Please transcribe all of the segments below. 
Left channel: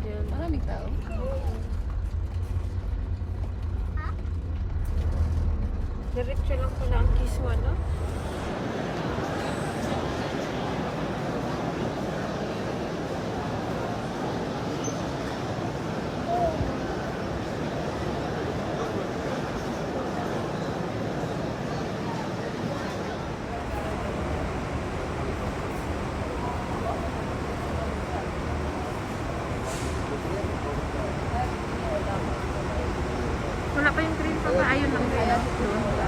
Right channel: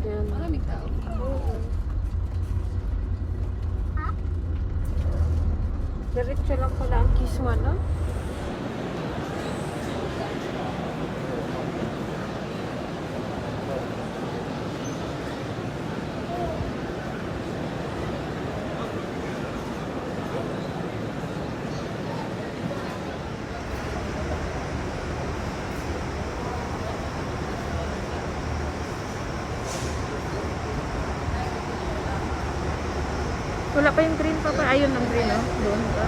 Yan. Maraming tao. Diretso lang pala ang Kisma, no? Wala pa yung green pa ba? Ayun ang green, oh. Doon pa.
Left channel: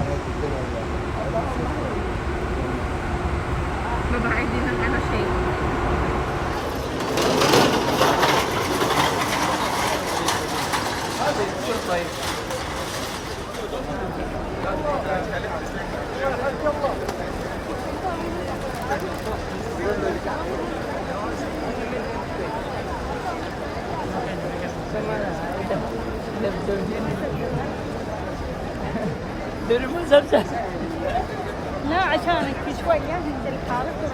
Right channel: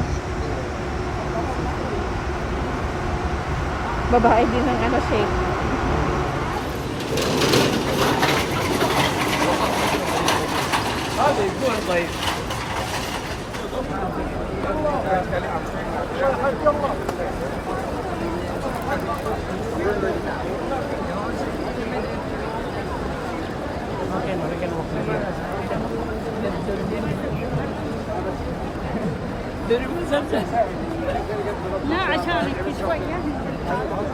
Babae din ng ano shape. لا عشانك شوية ننزل الحارة.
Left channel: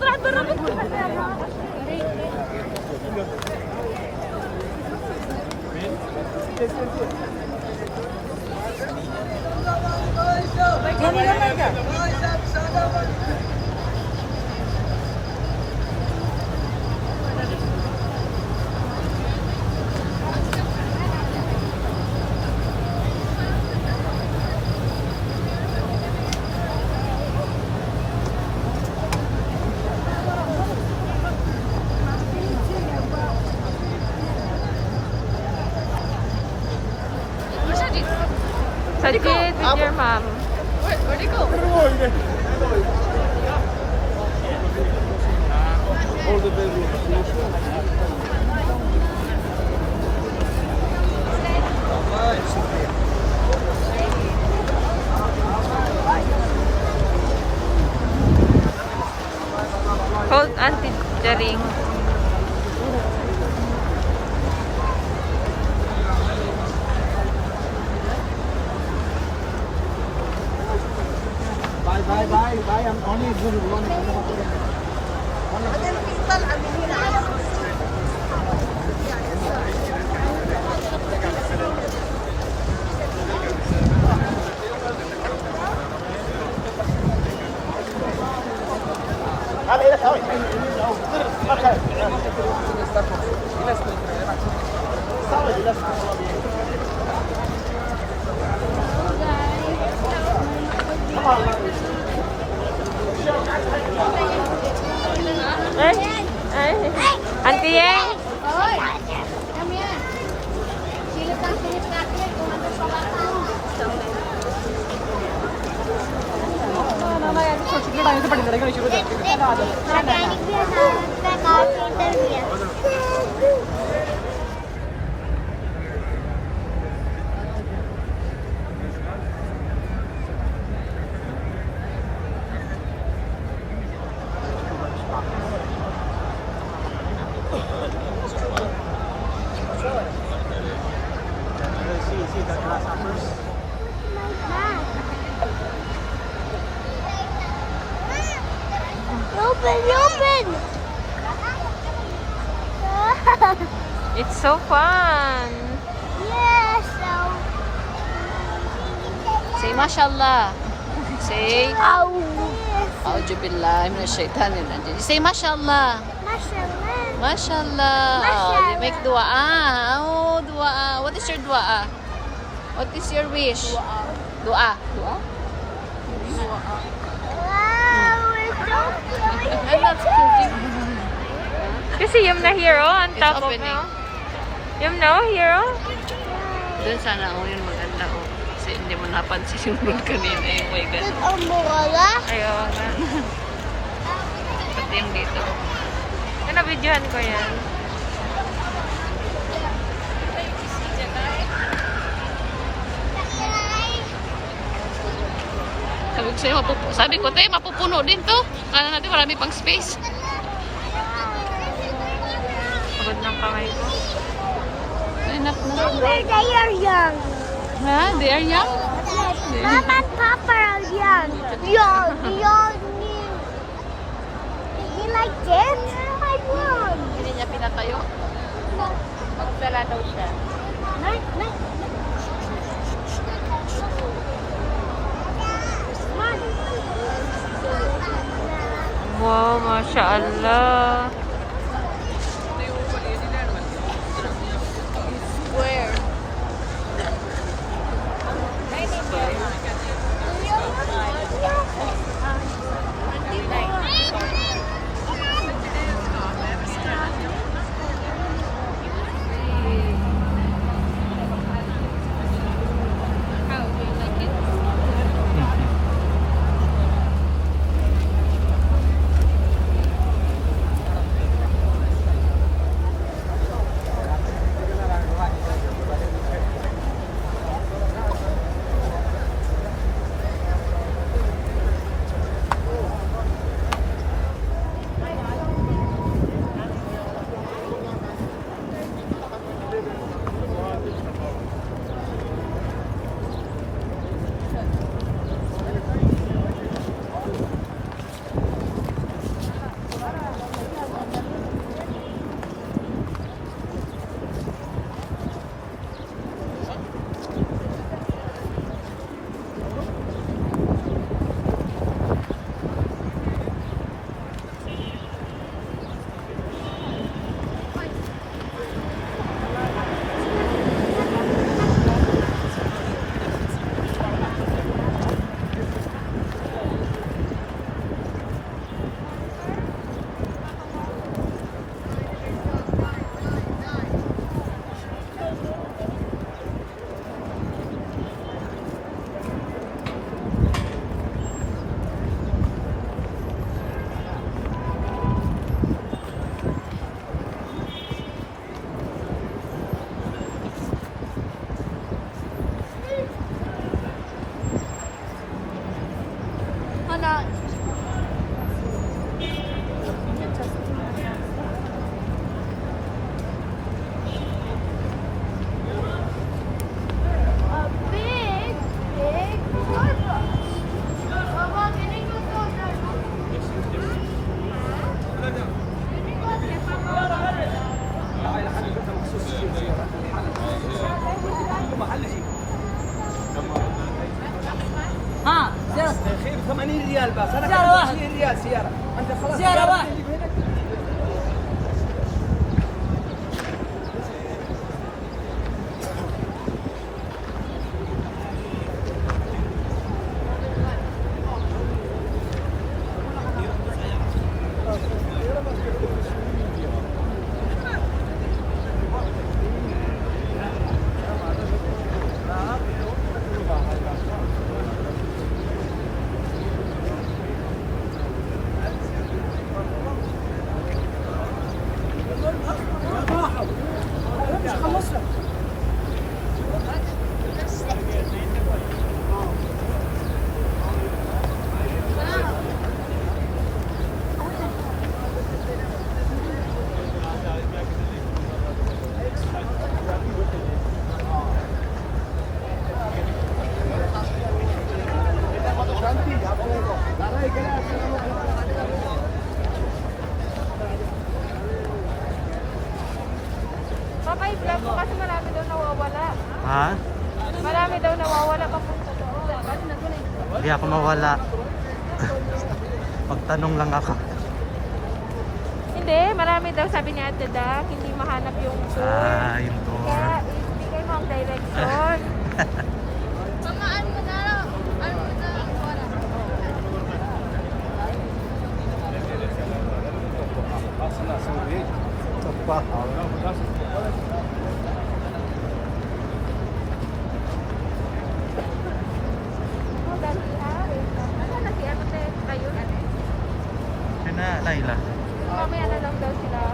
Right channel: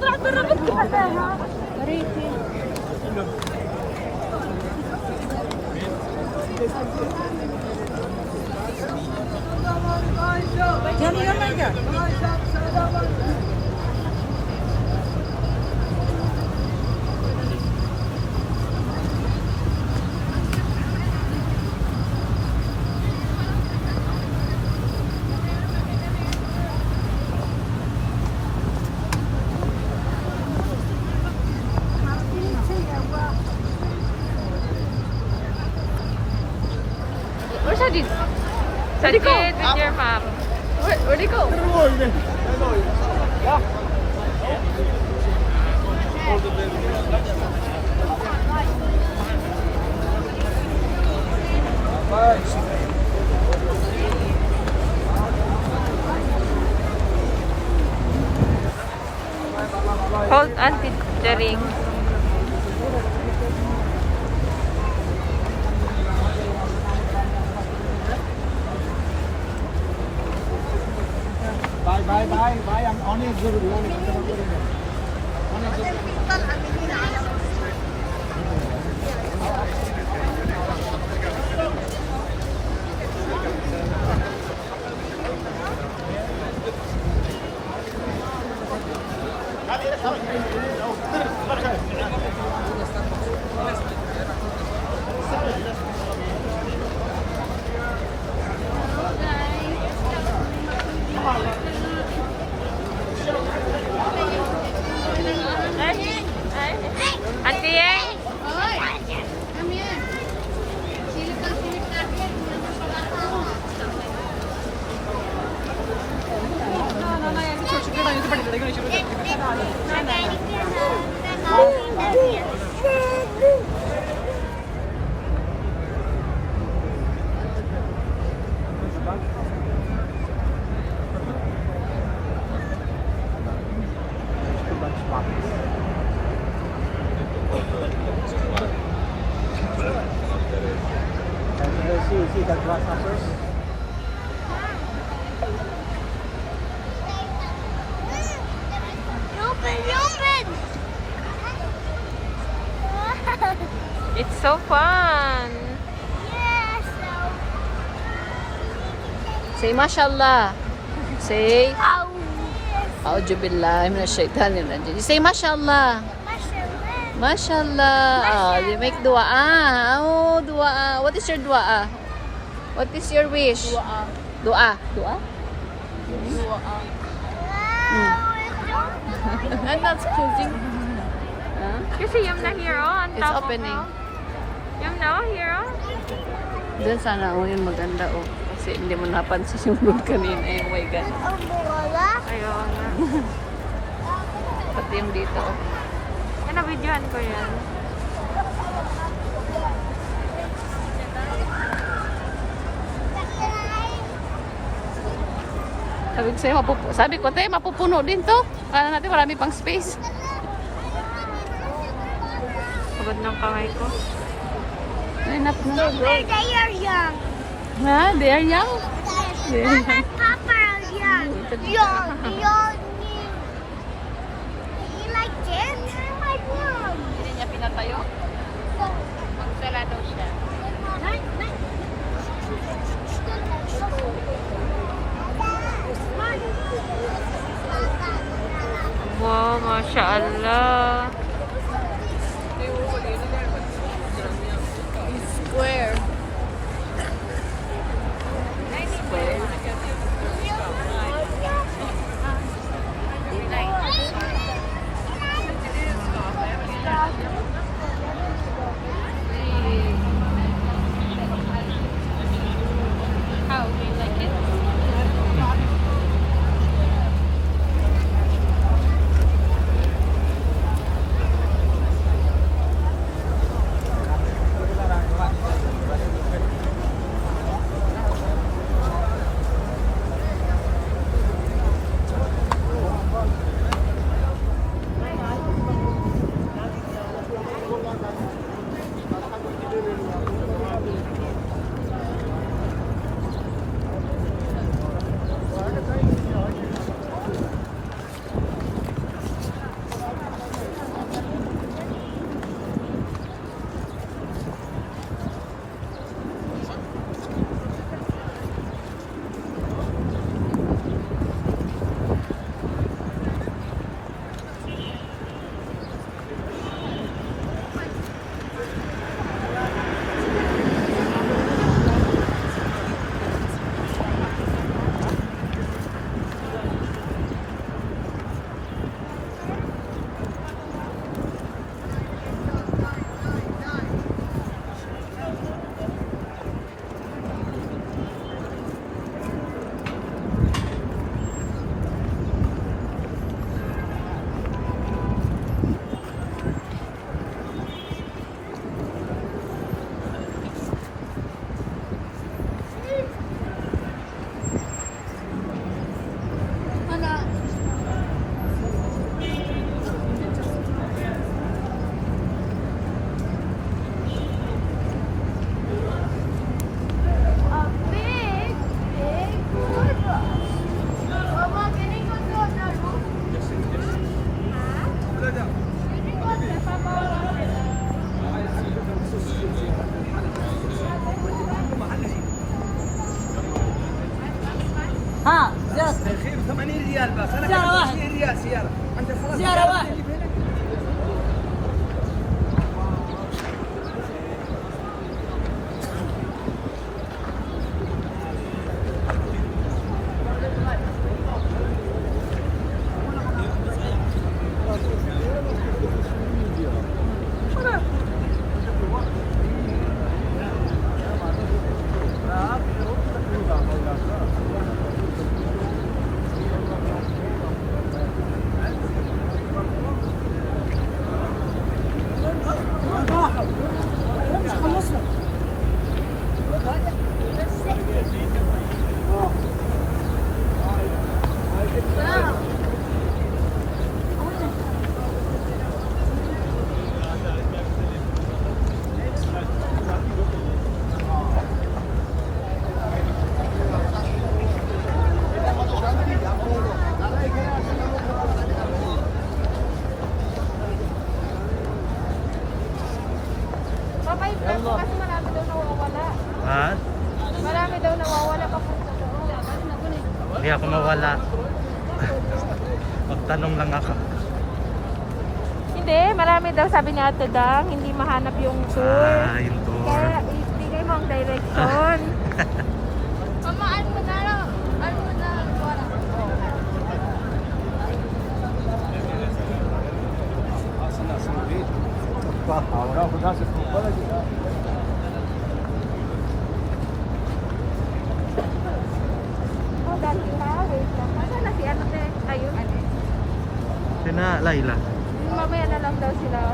طلعت برا بس Sajid with your mom. Where'd he go? Hold Auntie the ring. Bye. I'm only good Auntie Yeng? Oy! Kami yan. Silip natin kung andun pa ba ako. See that grasshoppers? Open! It's so fun. Yes! Say mashallah. Say Ow! Auzubillahi minasyaitanir rajim. Say mashallah. Mashallah. Oh, you make dua. Oh, dua. What is your dua? What is your wish? Dua. Wow! It's so You see Yum na here, oh, on It's top of opening. no. Yum na, oh, here, oh. Doon sana unin maganda oh. Kasi hindi mo napansin yung road kanina eh. Oh my God. Wala. Ayaw nga. Pati yung dito. Ano, videohan ko yan. Sabi ko, te, mapupuno din to. Kala natin marami pang space. Pagod ng kamay ko. Hanap mo. They are young. Ha? They are young? Mama, Papa are young. Young. You like this? I want. Hindi niya pinatayo. Nagsara daw siya. Wow, Masya Allah. Where? How do you like it? ها زيارة خير 80 ريال بس انا زيارة واحد. 20 ريال سياره انت خلاص زيارة واحد. Babay ka po kasi marami daw nawawala. Ha? Marami daw nawawala papunta doon. Hindi ako mawala. Magtanong lang ako. Hindi, marami daw sabi ni Ate Dang, hindi mahanap yung tour. Ah, yung tour. Kaya ibigay mo ang direction. Sina Laila. Okay na lang daw sila.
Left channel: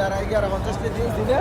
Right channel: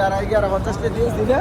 यार 11:50 के दिवस दिले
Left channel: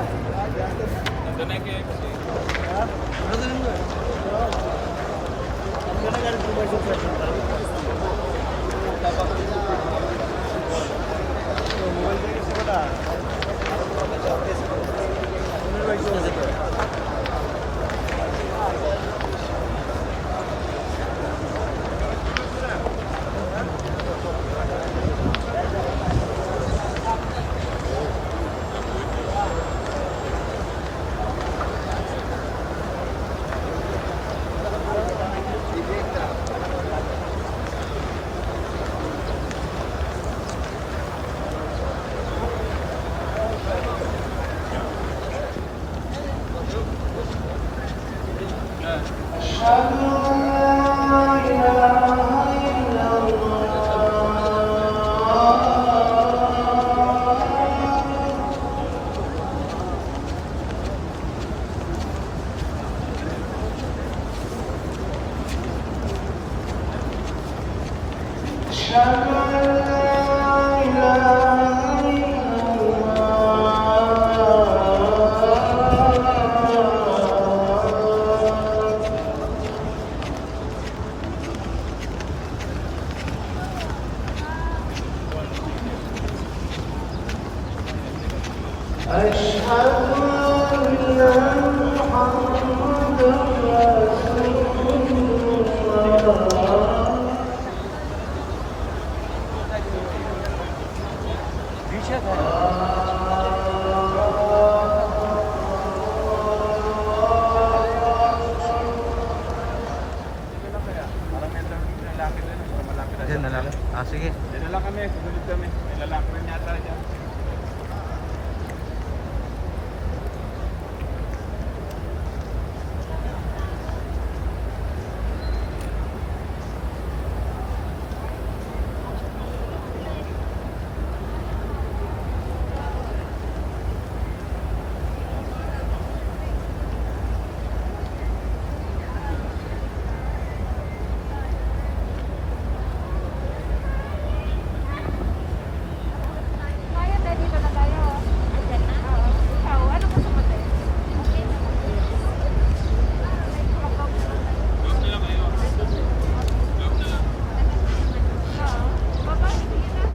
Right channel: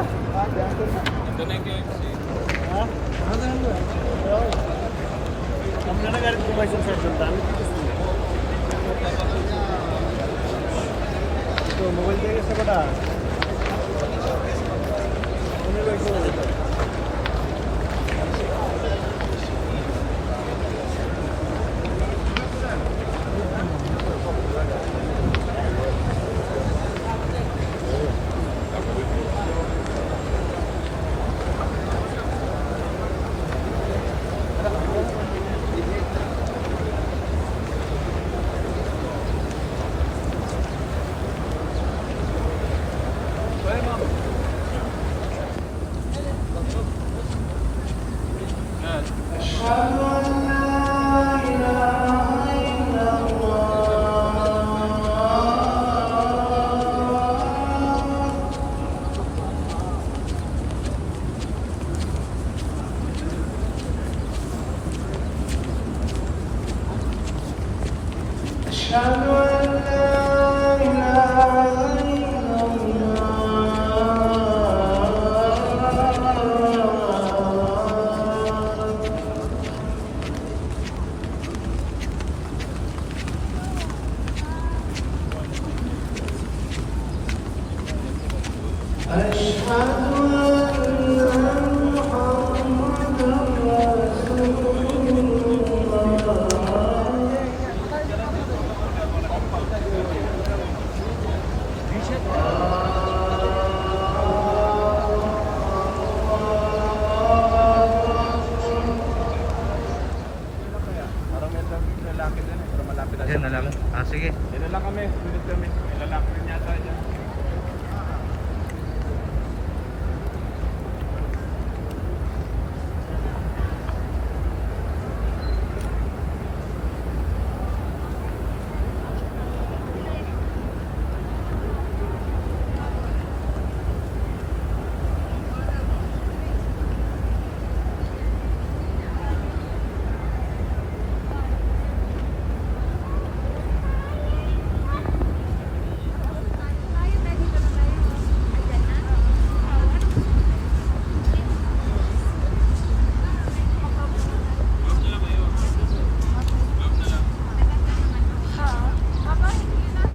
Yan na lang. Ah, sige. Dala lang kami, sunod kami. May lalaki na yata dyan.